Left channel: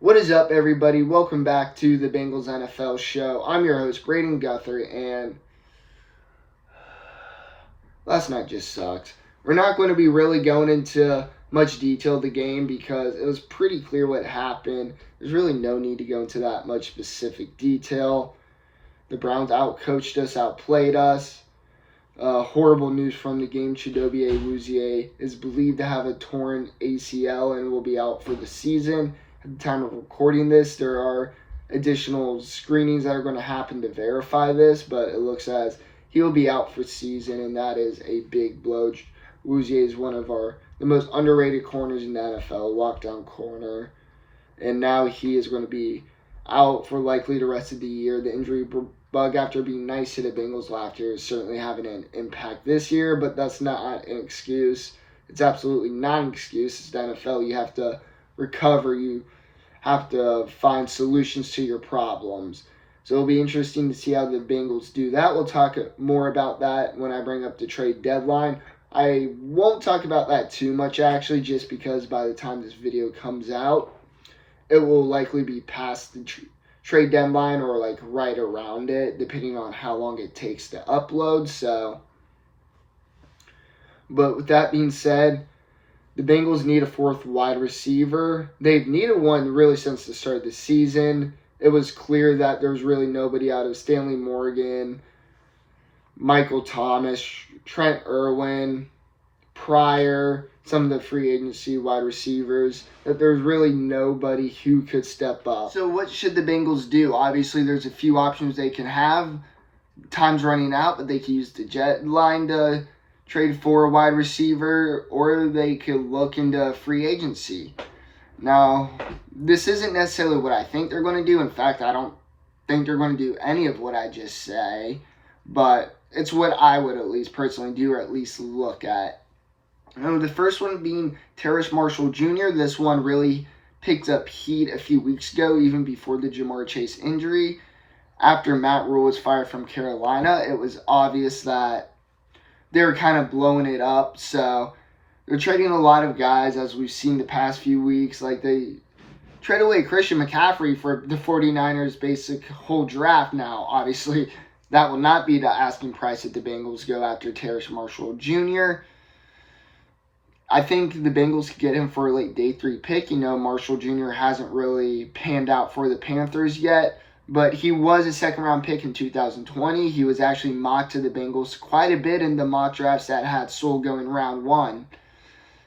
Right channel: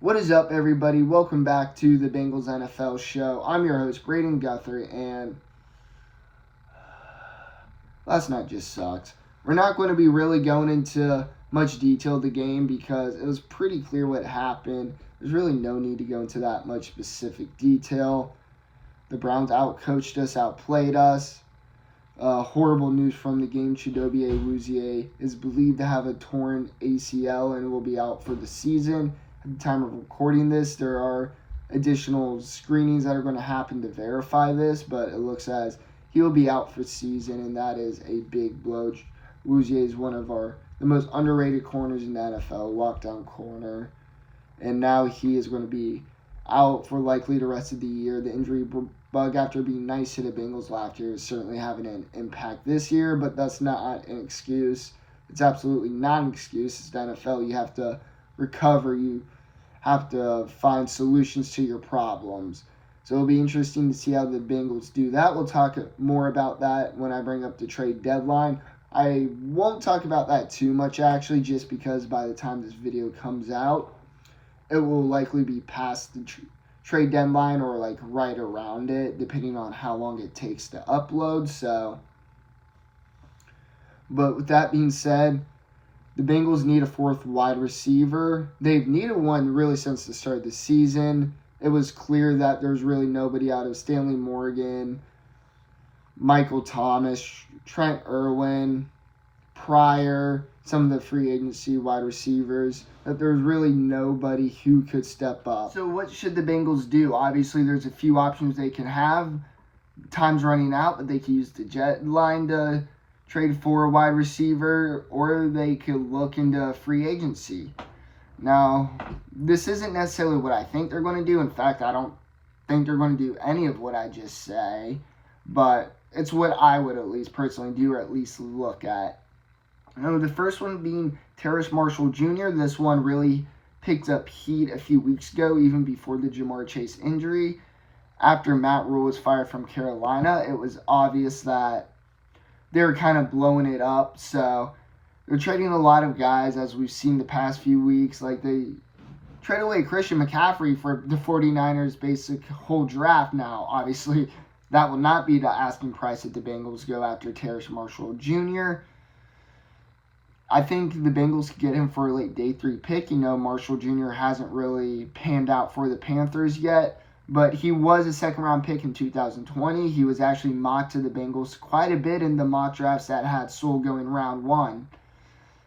What is up, everybody? Welcome back to the Bengals NFL show. I'm your host, Braden Guthrie, and last night just sucked. We're not going to be really going into much detail of the game because it was pretty clear what happened. There's really no need to go into that much specific detail. The Browns outcoached us, outplayed us. Horrible news from the game. Chidobe Awuzie is believed to have a torn ACL and will be out for the season. At the time of recording this, there are additional screenings that are going to happen to verify this, but it looks as he'll be out for the season, and that is a big blow. Awuzie is one of the most underrated corners in the NFL, lockdown corner, and now he is going to be out for likely the rest of the year. The injury bug, after being nice to the Bengals last year, is certainly having an impact this year, but that's not an excuse. It's absolutely not an excuse. It's the NFL. You have to recover. You have to find solutions to your problems. So it'll be interesting to see how the Bengals do that. We'll talk more about that when I bring up the trade deadline. I won't talk about that too much, actually, just because by the time this video comes out, it will likely be past the trade deadline or like right around it, depending on how long it takes to upload. But with that being said, the Bengals need a fourth wide receiver. They've needed one really since the start of the season. It was clear that there was really nobody out of Stanley Morgan, Michael Thomas, Trent Irwin, Pryor, some of the free agency wide receivers, that there's really nobody who could step up. So what should the Bengals do? Obviously, there's a few options they can have. Time's running out, but they can use the deadline to trade for a wide receiver, or they could look into free agency. Now, this isn't necessarily what I think they're going to do. In fact, I don't think they're going to do any of what I just say, but it's what I would at least personally do, or at least look at. The first one being Terrace Marshall Jr. This one really picked up heat a few weeks ago, even before the Ja'Marr Chase injury. After Matt Rule was fired from Carolina, it was obvious that they were kind of blowing it up. So they're trading a lot of guys, as we've seen the past few weeks. Like, they trade away Christian McCaffrey for the 49ers' basic whole draft now. Obviously, that will not be the asking price that the Bengals go after Terrace Marshall Jr. I think the Bengals could get him for a late day 3 pick. Marshall Jr. hasn't really panned out for the Panthers yet, but he was a second-round pick in 2020. He was actually mocked to the Bengals quite a bit in the mock drafts that had Sewell going round 1.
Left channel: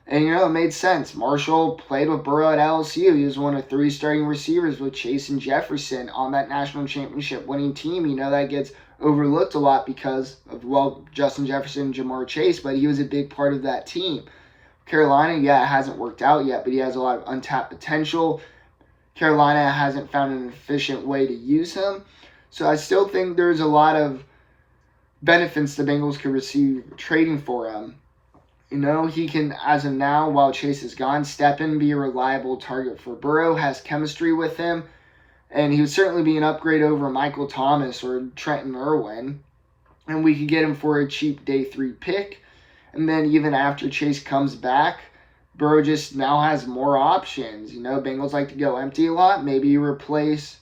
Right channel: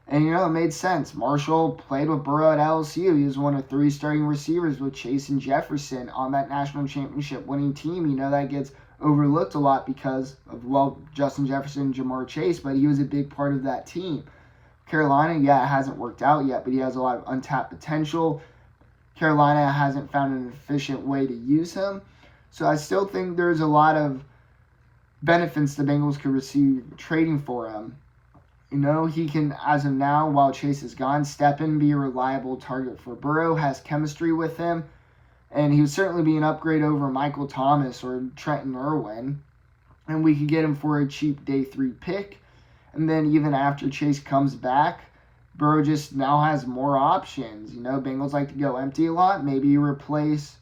And, it made sense. Marshall played with Burrow at LSU. He was one of 3 starting receivers with Chase and Jefferson on that national championship winning team. That gets overlooked a lot because of, Justin Jefferson and Ja'Marr Chase, but he was a big part of that team. Carolina, it hasn't worked out yet, but he has a lot of untapped potential. Carolina hasn't found an efficient way to use him. So I still think there's a lot of benefits the Bengals could receive trading for him. He can, as of now, while Chase is gone, step in, be a reliable target for Burrow, has chemistry with him, and he would certainly be an upgrade over Michael Thomas or Trenton Irwin. And we could get him for a cheap day 3 pick. And then even after Chase comes back, Burrow just now has more options. Bengals like to go empty a lot. Maybe you replace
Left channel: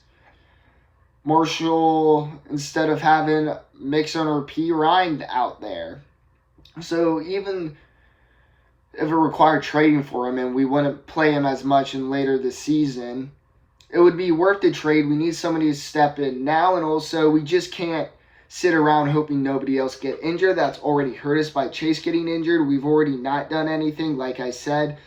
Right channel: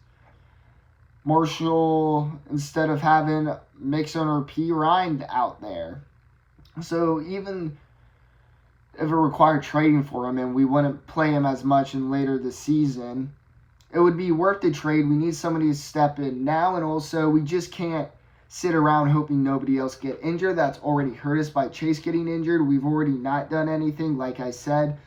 Marshall instead of having Mixon or P. Ryan out there. So even if it required trading for him and we wouldn't play him as much in later this season, it would be worth the trade. We need somebody to step in now, and also we just can't sit around hoping nobody else get injured. That's already hurt us by Chase getting injured. We've already not done anything. Like I said,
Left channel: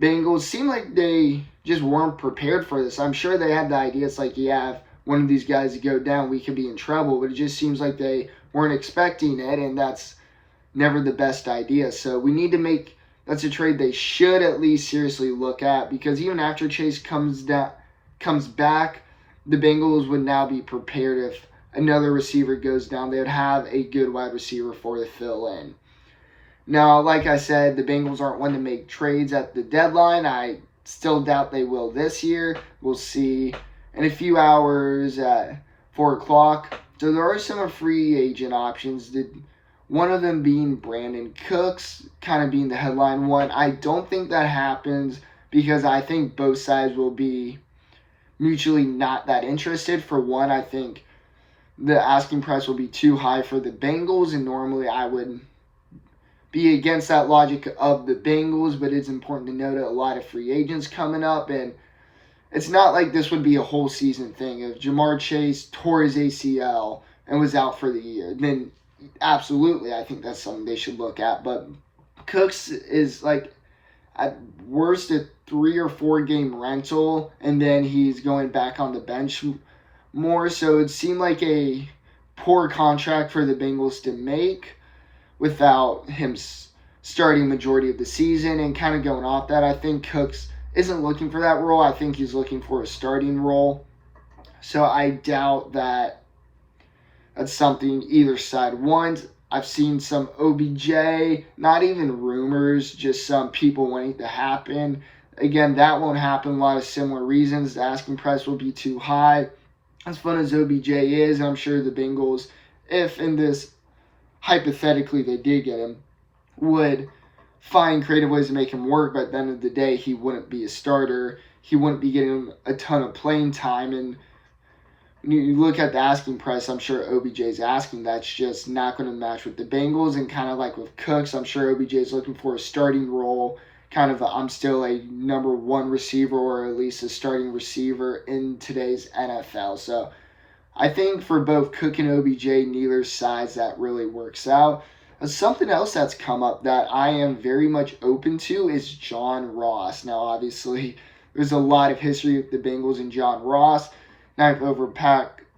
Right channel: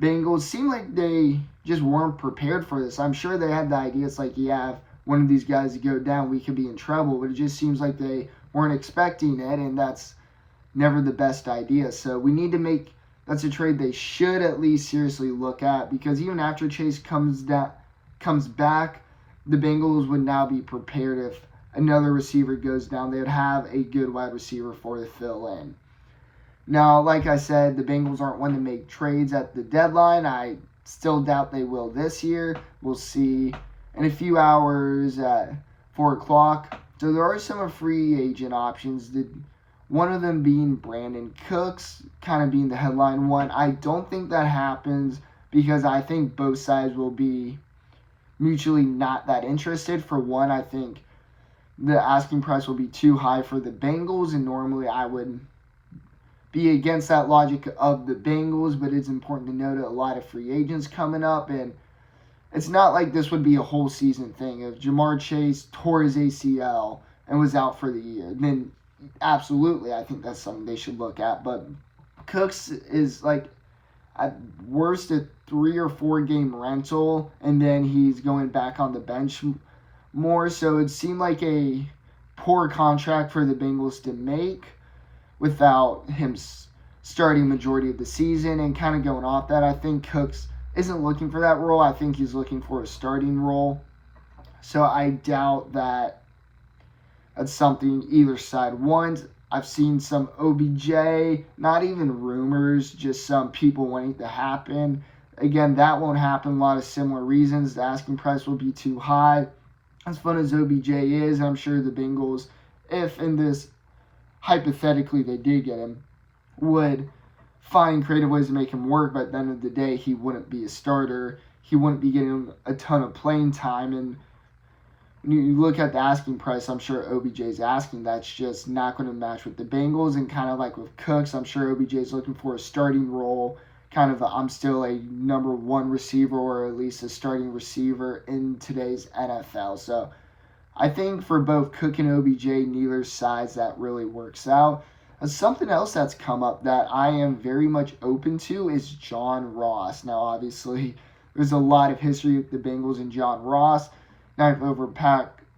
Bengals seem like they just weren't prepared for this. I'm sure they had the idea. It's like, if one of these guys go down, we could be in trouble. But it just seems like they weren't expecting it, and that's never the best idea. So we need to that's a trade they should at least seriously look at, because even after Chase comes back, the Bengals would now be prepared if another receiver goes down. They would have a good wide receiver for the fill-in. Now, like I said, the Bengals aren't one to make trades at the deadline. I still doubt they will this year. We'll see in a few hours at 4 o'clock. So there are some free agent options. One of them being Brandon Cooks, kind of being the headline one. I don't think that happens because I think both sides will be mutually not that interested. For one, I think the asking price will be too high for the Bengals, and normally I would be against that logic of the Bengals, but it's important to note that a lot of free agents coming up, and it's not like this would be a whole season thing. If Jamar Chase tore his ACL and was out for the year, then absolutely I think that's something they should look at. But Cooks is like at worst a 3 or 4 game rental, and then he's going back on the bench more. So it seemed like a poor contract for the Bengals to make without him starting majority of the season. And kind of going off that, I think Cooks isn't looking for that role. I think he's looking for a starting role. So I doubt that that's something either side wants. I've seen some OBJ, not even rumors, just some people wanting it to happen. Again, that won't happen. A lot of similar reasons. The asking price will be too high. As fun as OBJ is, I'm sure the Bengals, if in this hypothetically they did get him, would find creative ways to make him work. But at the end of the day, he wouldn't be a starter. He wouldn't be getting a ton of playing time. And when you look at the asking price, I'm sure OBJ's asking. That's just not going to match with the Bengals. And kind of like with Cooks, I'm sure OBJ's looking for a starting role. Kind of I'm still a number 1 receiver, or at least a starting receiver in today's NFL. So I think for both Cook and OBJ, neither sides that really works out. Something else that's come up that I am very much open to is John Ross. Now, obviously, there's a lot of history with the Bengals and John Ross. 9th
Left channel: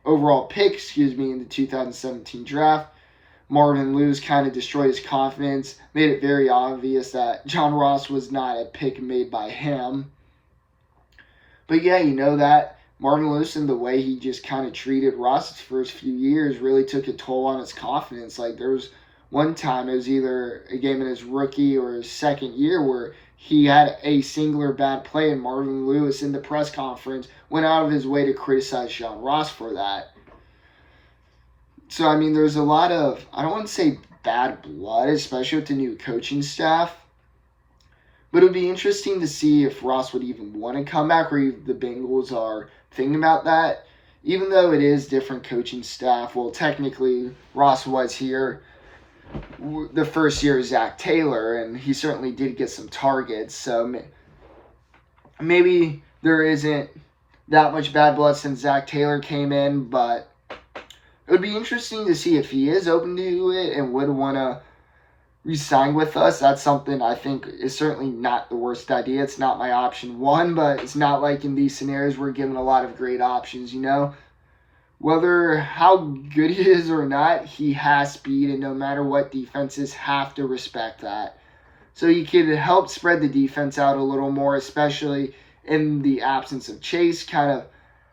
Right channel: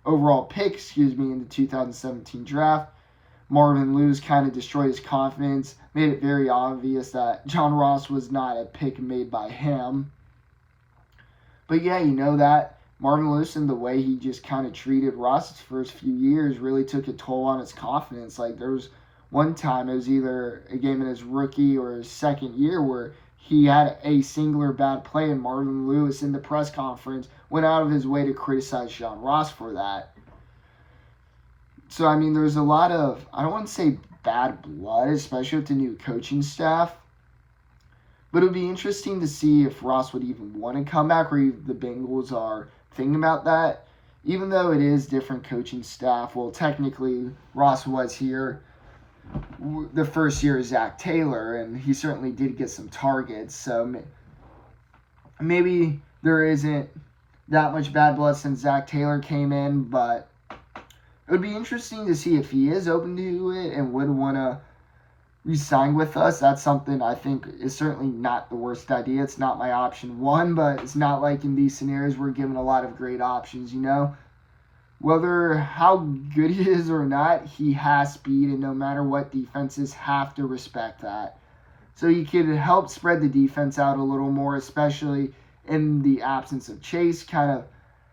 overall pick, in the 2017 draft. Marvin Lewis kind of destroyed his confidence, made it very obvious that John Ross was not a pick made by him. But yeah, you know that Marvin Lewis and the way he just kind of treated Ross his first few years really took a toll on his confidence. Like there was one time, it was either a game in his rookie or his second year where he had a singular bad play, and Marvin Lewis in the press conference went out of his way to criticize John Ross for that. So, I mean, there's a lot of, I don't want to say bad blood, especially with the new coaching staff. But it would be interesting to see if Ross would even want to come back, or if the Bengals are thinking about that. Even though it is different coaching staff, well, technically, Ross was here the first year of Zach Taylor, and he certainly did get some targets. So maybe there isn't that much bad blood since Zach Taylor came in, but it would be interesting to see if he is open to it and would want to re-sign with us. That's something I think is certainly not the worst idea. It's not my option 1, but it's not like in these scenarios we're given a lot of great options, you know? Whether how good he is or not, he has speed, and no matter what, defenses have to respect that. So he could help spread the defense out a little more, especially in the absence of Chase, kind of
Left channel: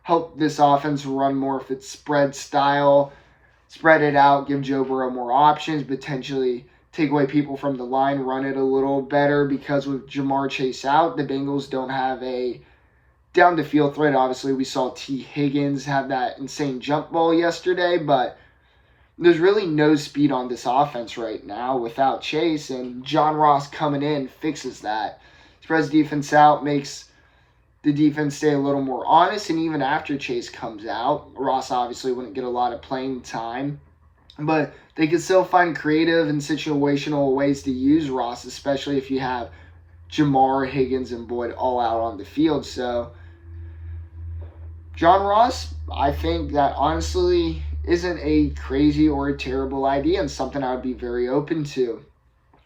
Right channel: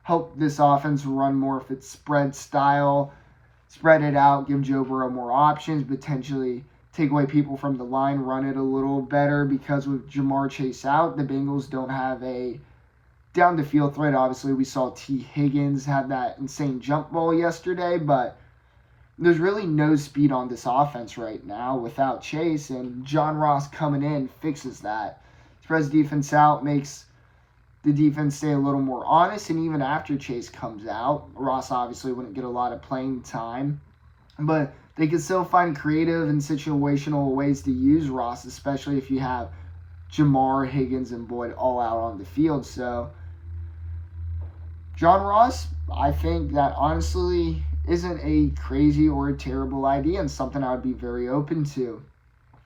help this offense run more of its spread style, spread it out, give Joe Burrow more options, potentially take away people from the line, run it a little better, because with Jamar Chase out, the Bengals don't have a down the field threat. Obviously, we saw T. Higgins have that insane jump ball yesterday, but there's really no speed on this offense right now without Chase, and John Ross coming in fixes that. Spreads defense out, makes the defense stay a little more honest, and even after Chase comes out, Ross obviously wouldn't get a lot of playing time, but they could still find creative and situational ways to use Ross, especially if you have Jamar, Higgins, and Boyd all out on the field. So John Ross, I think that honestly isn't a crazy or a terrible idea, and something I would be very open to.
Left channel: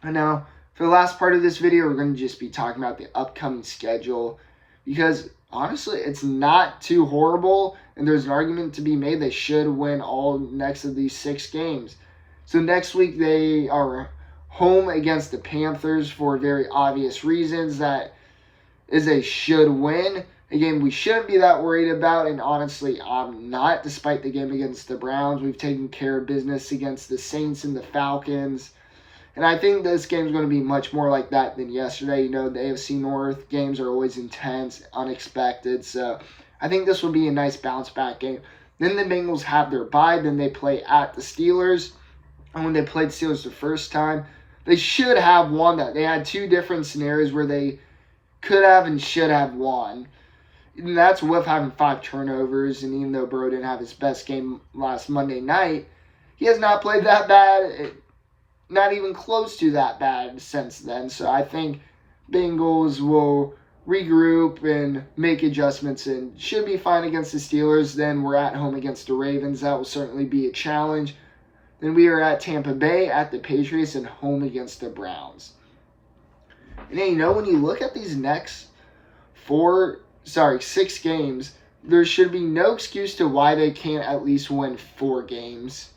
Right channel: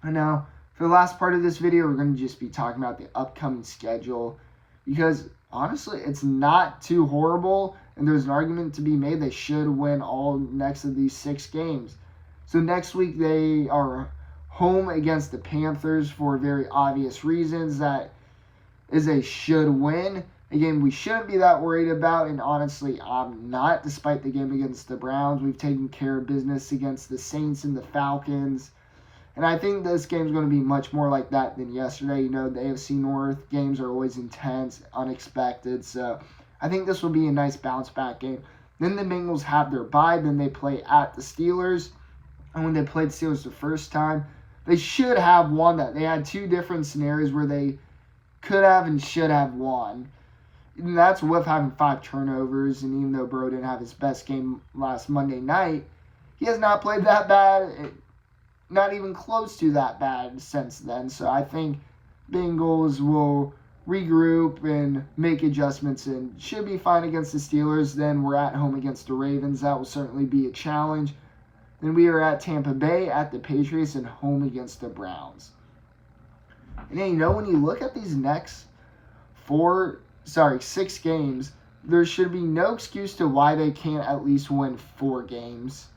And now, for the last part of this video, we're going to just be talking about the upcoming schedule, because honestly, it's not too horrible, and there's an argument to be made they should win all next of these 6 games. So next week, they are home against the Panthers for very obvious reasons. That is a should win. A game we shouldn't be that worried about, and honestly, I'm not, despite the game against the Browns. We've taken care of business against the Saints and the Falcons, and I think this game is going to be much more like that than yesterday. You know, the AFC North games are always intense, unexpected, so I think this will be a nice bounce-back game. Then the Bengals have their bye, then they play at the Steelers, and when they played Steelers the first time, they should have won that. They had 2 different scenarios where they could have and should have won. And that's with having 5 turnovers. And even though Burrow didn't have his best game last Monday night, he has not played that bad, not even close to that bad since then. So I think Bengals will regroup and make adjustments and should be fine against the Steelers. Then we're at home against the Ravens. That will certainly be a challenge. Then we are at Tampa Bay, at the Patriots, and home against the Browns. And you know, when you look at these next 6 games, there should be no excuse to why they can't at least win 4 games.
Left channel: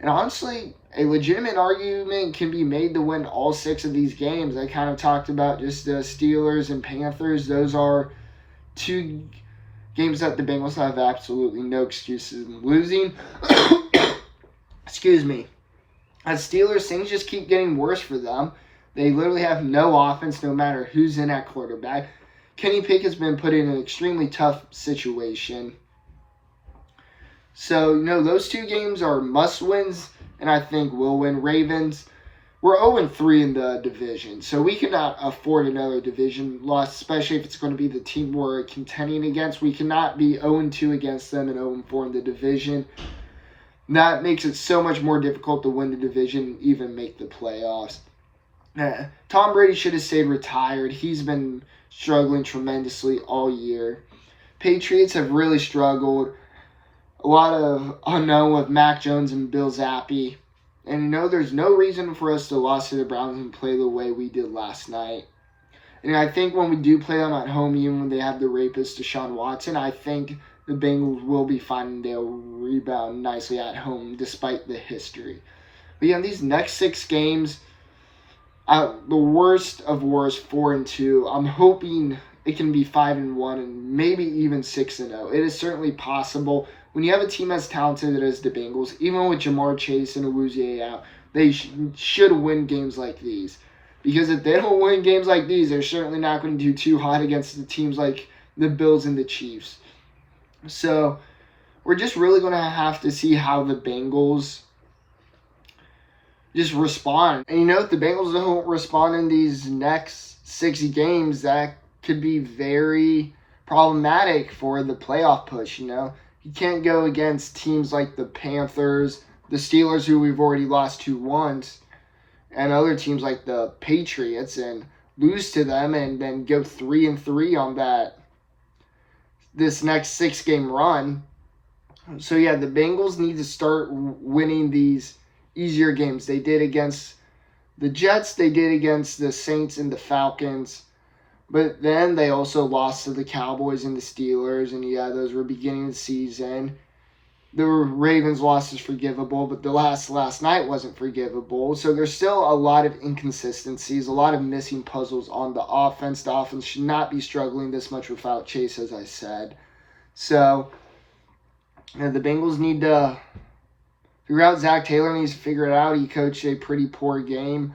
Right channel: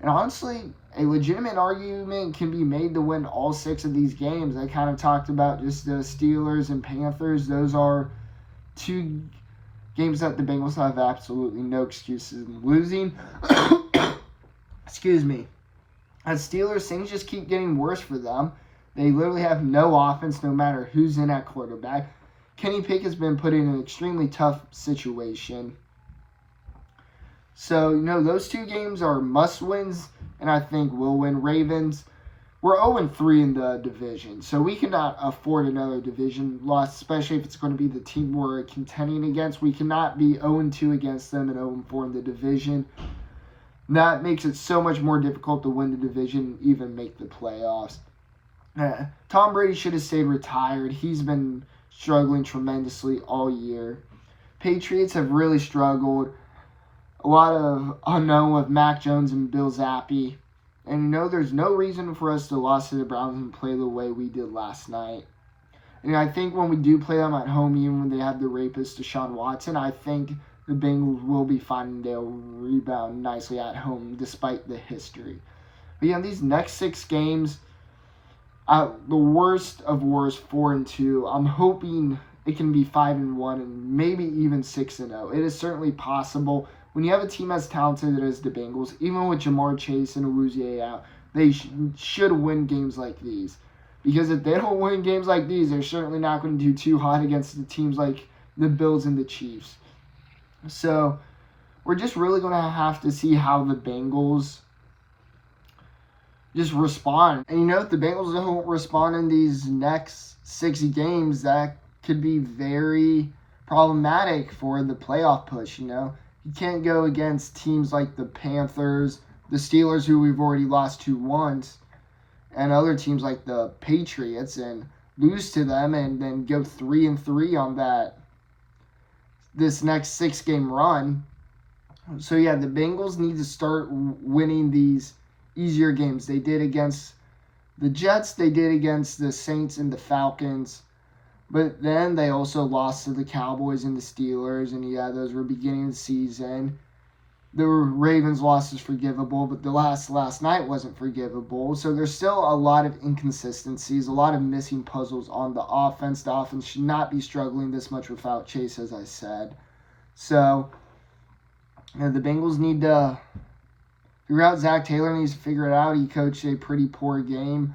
And honestly, a legitimate argument can be made to win all 6 of these games. I kind of talked about just the Steelers and Panthers. Those are 2 games that the Bengals have absolutely no excuses in losing. Excuse me. As Steelers, things just keep getting worse for them. They literally have no offense no matter who's in at quarterback. Kenny Pickett's been put in an extremely tough situation. So, those 2 games are must-wins, and I think we'll win. Ravens, we're 0-3 in the division, so we cannot afford another division loss, especially if it's going to be the team we're contending against. We cannot be 0-2 against them and 0-4 in the division. That makes it so much more difficult to win the division and even make the playoffs. Tom Brady should have stayed retired. He's been struggling tremendously all year. Patriots have really struggled. A lot of unknown with Mac Jones and Bill Zappi. And there's no reason for us to lose to the Browns and play the way we did last night. And I think when we do play them at home, even when they have the rapist Deshaun Watson, I think the Bengals will be fine and they'll rebound nicely at home despite the history. But these next 6 games, the worst of worst, 4-2. I'm hoping it can be 5-1 and maybe even 6-0. It is certainly possible. When you have a team as talented as the Bengals, even with Jamar Chase and Awuzie out, they should win games like these. Because if they don't win games like these, they're certainly not going to do too hot against the teams like the Bills and the Chiefs. So we're just really going to have to see how the Bengals just respond. And if the Bengals don't respond in these next 6 games, that could be very problematic for the playoff push. You can't go against teams like the Panthers, the Steelers, who we've already lost to once, and other teams like the Patriots, and lose to them and then go 3-3 on this next 6-game run. So the Bengals need to start winning these easier games. They did against the Jets, they did against the Saints and the Falcons, but then they also lost to the Cowboys and the Steelers, and those were beginning of the season. The Ravens loss is forgivable, but the last night wasn't forgivable. So there's still a lot of inconsistencies, a lot of missing puzzles on the offense. The offense should not be struggling this much without Chase, as I said. So the Bengals need to figure out. Zach Taylor needs to figure it out. He coached a pretty poor game,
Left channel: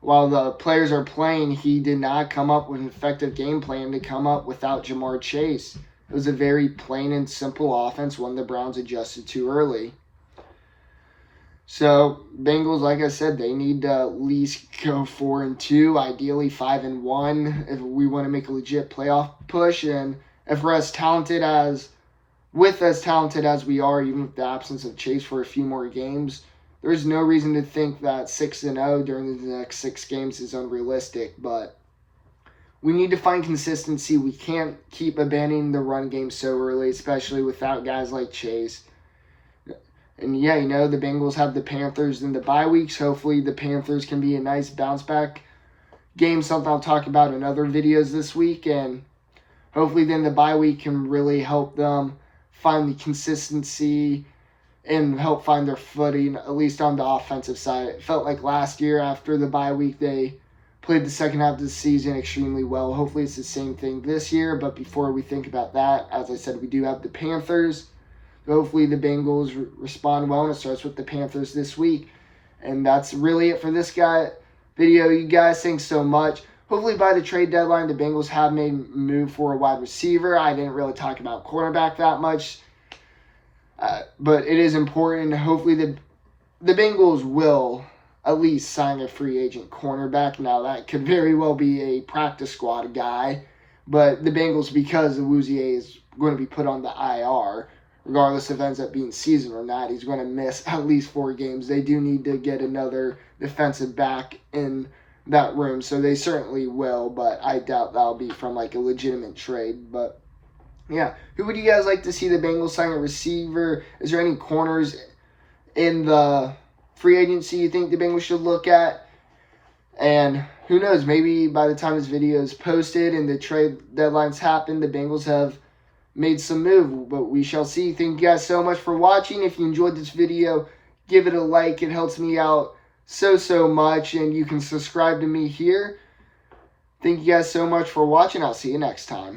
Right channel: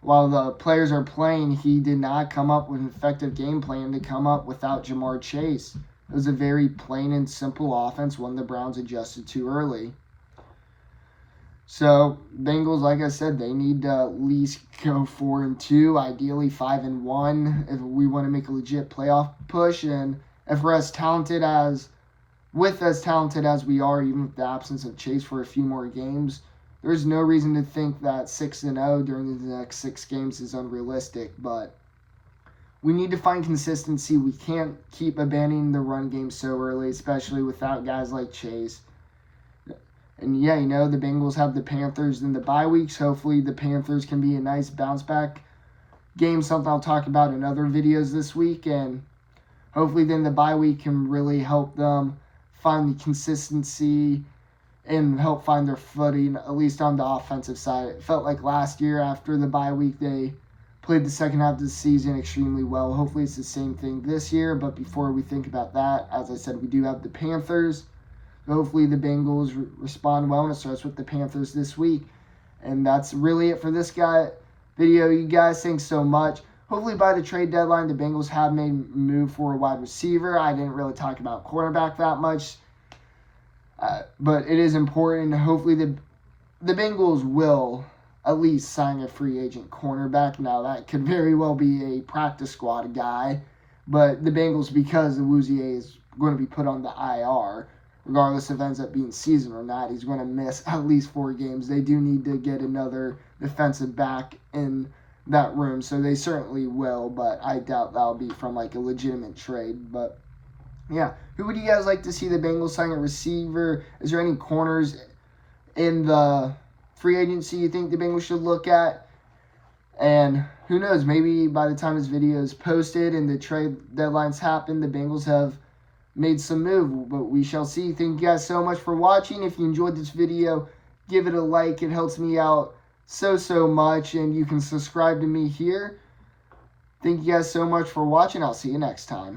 While the players are playing, he did not come up with an effective game plan to come up without Jamar Chase. It was a very plain and simple offense, one the Browns adjusted too early. So, Bengals, like I said, they need to at least go 4-2, ideally 5-1, if we want to make a legit playoff push. And if we're as talented as we are, even with the absence of Chase for a few more games, there's no reason to think that 6-0 during the next 6 games is unrealistic. But we need to find consistency. We can't keep abandoning the run game so early, especially without guys like Chase. And the Bengals have the Panthers in the bye weeks. Hopefully the Panthers can be a nice bounce back game, something I'll talk about in other videos this week. And hopefully then the bye week can really help them find the consistency and help find their footing, at least on the offensive side. It felt like last year after the bye week, they played the second half of the season extremely well. Hopefully it's the same thing this year. But before we think about that, as I said, we do have the Panthers. Hopefully the Bengals respond well, and it starts with the Panthers this week. And that's really it for this video. You guys, thanks so much. Hopefully by the trade deadline, the Bengals have made a move for a wide receiver. I didn't really talk about cornerback that much. But it is important. Hopefully the Bengals will at least sign a free agent cornerback. Now, that could very well be a practice squad guy. But the Bengals, because Awuzie is going to be put on the IR, regardless if it ends up being season or not, he's going to miss at least 4 games. They do need to get another defensive back in that room, so they certainly will, but I doubt that'll be from like a legitimate trade. But yeah, who would you guys like to see the Bengals sign a receiver? Is there any corners in the free agency you think the Bengals should look at? And who knows, maybe by the time this video is posted and the trade deadlines happen, the Bengals have made some move, but we shall see. Thank you guys so much for watching. If you enjoyed this video, give it a like. It helps me out so much, and you can subscribe to me here. Thank you guys so much for watching. I'll see you next time.